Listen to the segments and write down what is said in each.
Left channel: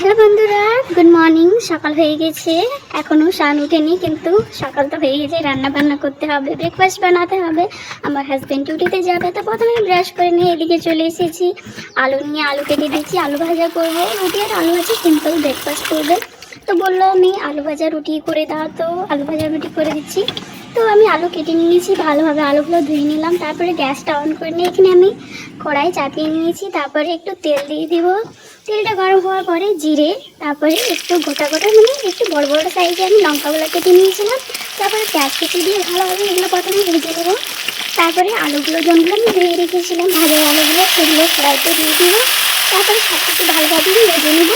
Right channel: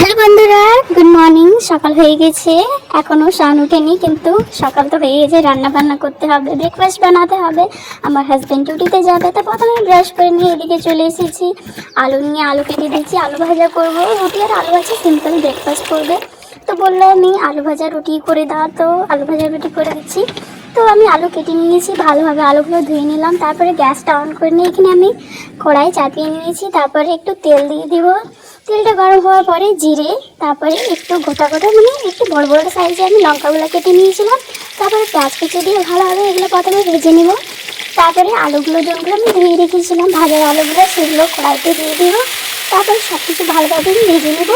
Hello বন্ধুরা, good morning. সকাল হয়ে গেছে, এখনো শান উঠেনি, কিন্তু সকাল তো হয়ে গেছে। রান্না বান্না করতে হবে, ব্রেকফাস্ট বানাতে হবে। আমার হাজব্যান্ড ডিউটিতে যাবে, তো প্রথমে ব্রাশ করে নিয়ে এদিকে চলে এসেছি। আলু নিয়ে আলু কেটে দিচ্ছি, আলু ভাজা করবো। রুটি আর আলু ভাজা সিম্পল ব্রেকফাস্ট করবে। তো বললো আমি আলু ভাজা রুটি করে দাও, তো আলু ভাজা রুটি করে দিচ্ছি। তো আমি আলু কেটে নিয়েছি, ভালোভাবে আলুগুলো ধুয়ে নিলাম। তারপরে গ্যাসটা অন করে নিয়ে এখানে আমি কড়াই চাপিয়ে নিয়েছি। তারপরে একটু তেল দিয়ে দিব। তেলটা গরম হওয়ার পরে জিরে, তারপরে একটু গোটা গোটা মানে একটু বড় বড় সাইজে আমি লঙ্কাগুলো কেটে নিয়েছিলাম। তারপরে পেঁয়াজ কেটে দিয়ে ভালোভাবে এগুলো প্রথমে ভেজে নেব। তারপরে আলুগুলো যেগুলো আমি ধুয়ে রেখেছিলাম, ভাজা আলুগুলো সেগুলো কড়াইতে দিয়ে দিব। তারপরে সব কিছু ভালোভাবে ভেজে নেব।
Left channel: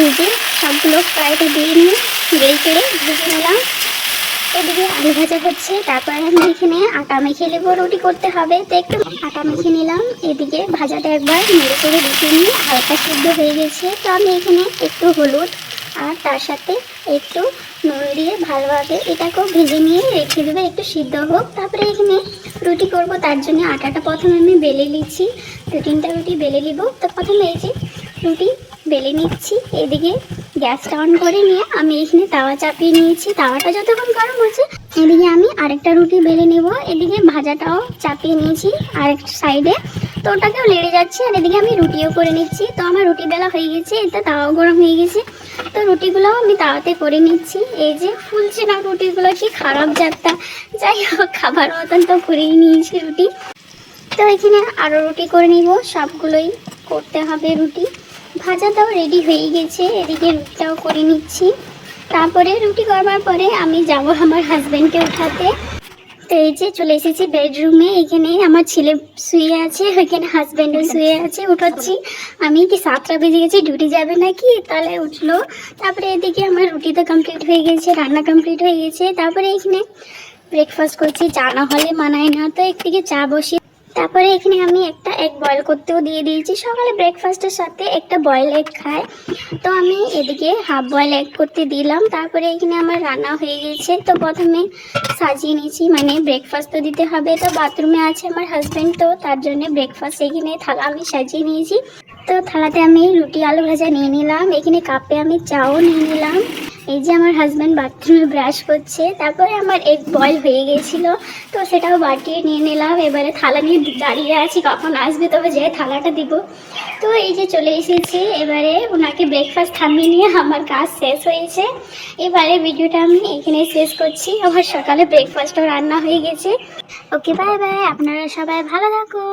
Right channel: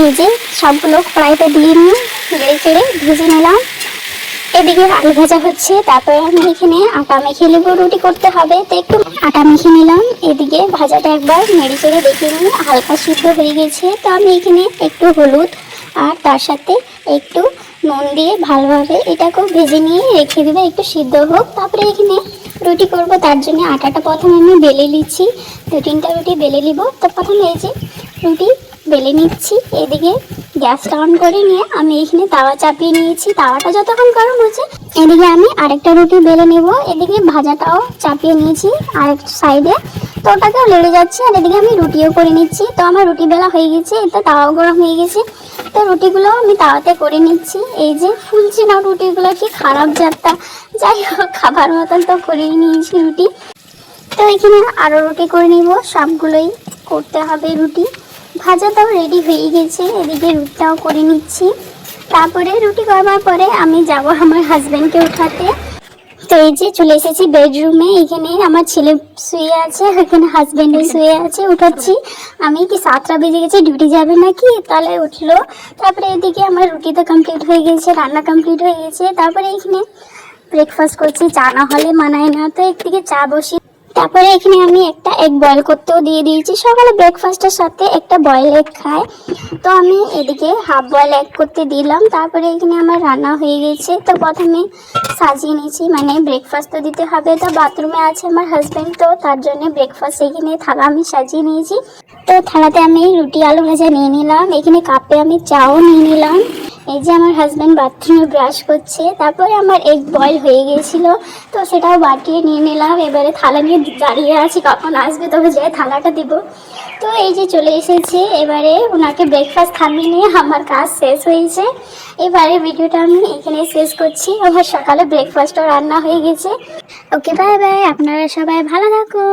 এই যে সবগুলো কড়াইতে দিয়ে নিয়ে নেড়ে চেড়ে ভেজে নিলাম। এদিকে আলু ভাজা হচ্ছে, তারপরে আমি এখানে আটা মেখে নেবো, রুটি করতে হবে, তো একটু আটা মেখে নিলাম। এদিকে ভাজাটা একবার নেড়ে চেড়ে দেখে নিয়ে হালকা সিদ্ধ হয়ে গেছে। তো আমি এখানে একটু হলুদ আর তার সাথে একটু নুন দিয়ে ভালোভাবে এটাকেও ভেজে নিয়ে রেখে দেবো, একটু সিদ্ধ হোক। তারপরে এখানে রুটি করব, তার জন্য আটাটা প্রথমে আমি বেলে নিচ্ছি। 2-3টা রুটি বেলে নিব। তো প্রথমে এই যে রুটি বেলে নিচ্ছি। এদিকে গ্যাসটা অন করে নিয়ে আমি এখানে তাওয়া চাপিয়ে নিয়েছি। তাওয়াটা যতক্ষণ গরম হচ্ছে, এদিকে আমি আরেকটা রুটি বেলে নেব। এদিকে ভাজাটাও চাপিয়ে নিয়েছি আরেক সাইডে, তো ওটাকেও লেড়ে যাচ্ছে। আর এদিকে আমি রুটিও করে নিচ্ছি। তো আমার রুটি বেলা হয়ে গেছে, এতে তাওয়াও গরম হয়ে গেছে। তো রুটিগুলো আমি তাওয়াতে করে নিচ্ছি। এই যে ফুলছে না রুটিগুলো, কি খারাপ যাত্রা। যাই হোক, খাবার মতন তো করেই নিয়েছি রুটি। তো এখানে আরও রুটি করে নিব, সবগুলোই করতে হবে রুটি। ভাজাটাও রেডি হয়ে গেছে, এদিকে রুটিটাও করে নিচ্ছি। তারপরে রুটি করবার পরে আমি যাব আমার হাজব্যান্ডকে উঠাতে। তো এই যে চলে এসেছি বেডরুমে। এখানে আমার ছেলে শুয়ে আছে, ওইখানে হাজব্যান্ডও শুয়ে আছে। উঠাচ্ছি আমি, কি 7টা বেজে গেছে, ডিউটি যাবে নাকি, তাহলে উঠলো। তারপরে এদিকে আমার রুটি তো কমপ্লিট হয়ে গেছে, রান্না কমপ্লিট হয়ে গেছে। তারপরে এখানে ব্রেকফাস্ট করছি, চা না হলে মানায় না, তো একদিকে চা বসিয়ে তারপরে এখানে আমি একটা এগ বয়েল করতেও দিয়ে দিয়েছি। সকালে ব্রেকফাস্টের সাথে একটা বয়েল এগ খায়, তো আমি এদিকে হাফ বয়েল এগ করতে দিলাম। তারপরে এখানে আমার রান্না হয়ে গেছে। তো প্রথমে সাজিয়ে নিয়েছি, মানে ব্রেকফাস্ট তো দিতে হবে। তো বাথরুমে আছে আমার হাজব্যান্ড, তো তার জন্য ব্রেকফাস্ট এখানে থালা আমি সাজিয়ে নিয়েছি। তো থালাতে আমি রুটি আলু ভাজা নিয়ে নিলাম, এখানে কাপে আমি চাও নিয়ে নিলাম। এই যে আমার হাজব্যান্ড বাথরুমে ব্রাশ করছে। তারপরে আমার এগ বয়েল হয়ে গিয়েছিল, তো সেটাও বাটিয়ে নিয়ে নিলাম। এবারে থালা নিয়ে দাঁড়িয়ে আছি, কখন আসবে তবে যে থালাটা দিব। তো এই যে চলে এসেছে, এবারে ওনাকে ব্রেকফাস্ট খাইয়ে নিয়ে আমার কাজ শেষ হয়েছে। এবারে ভিডিওটা আমি এখানে শেষ করছি। আমার সকালে ব্রেকফাস্টও রান্না হয়ে গেছে। ওকে, বাই বাই। আপনারা সবাই ভালো থাকুন।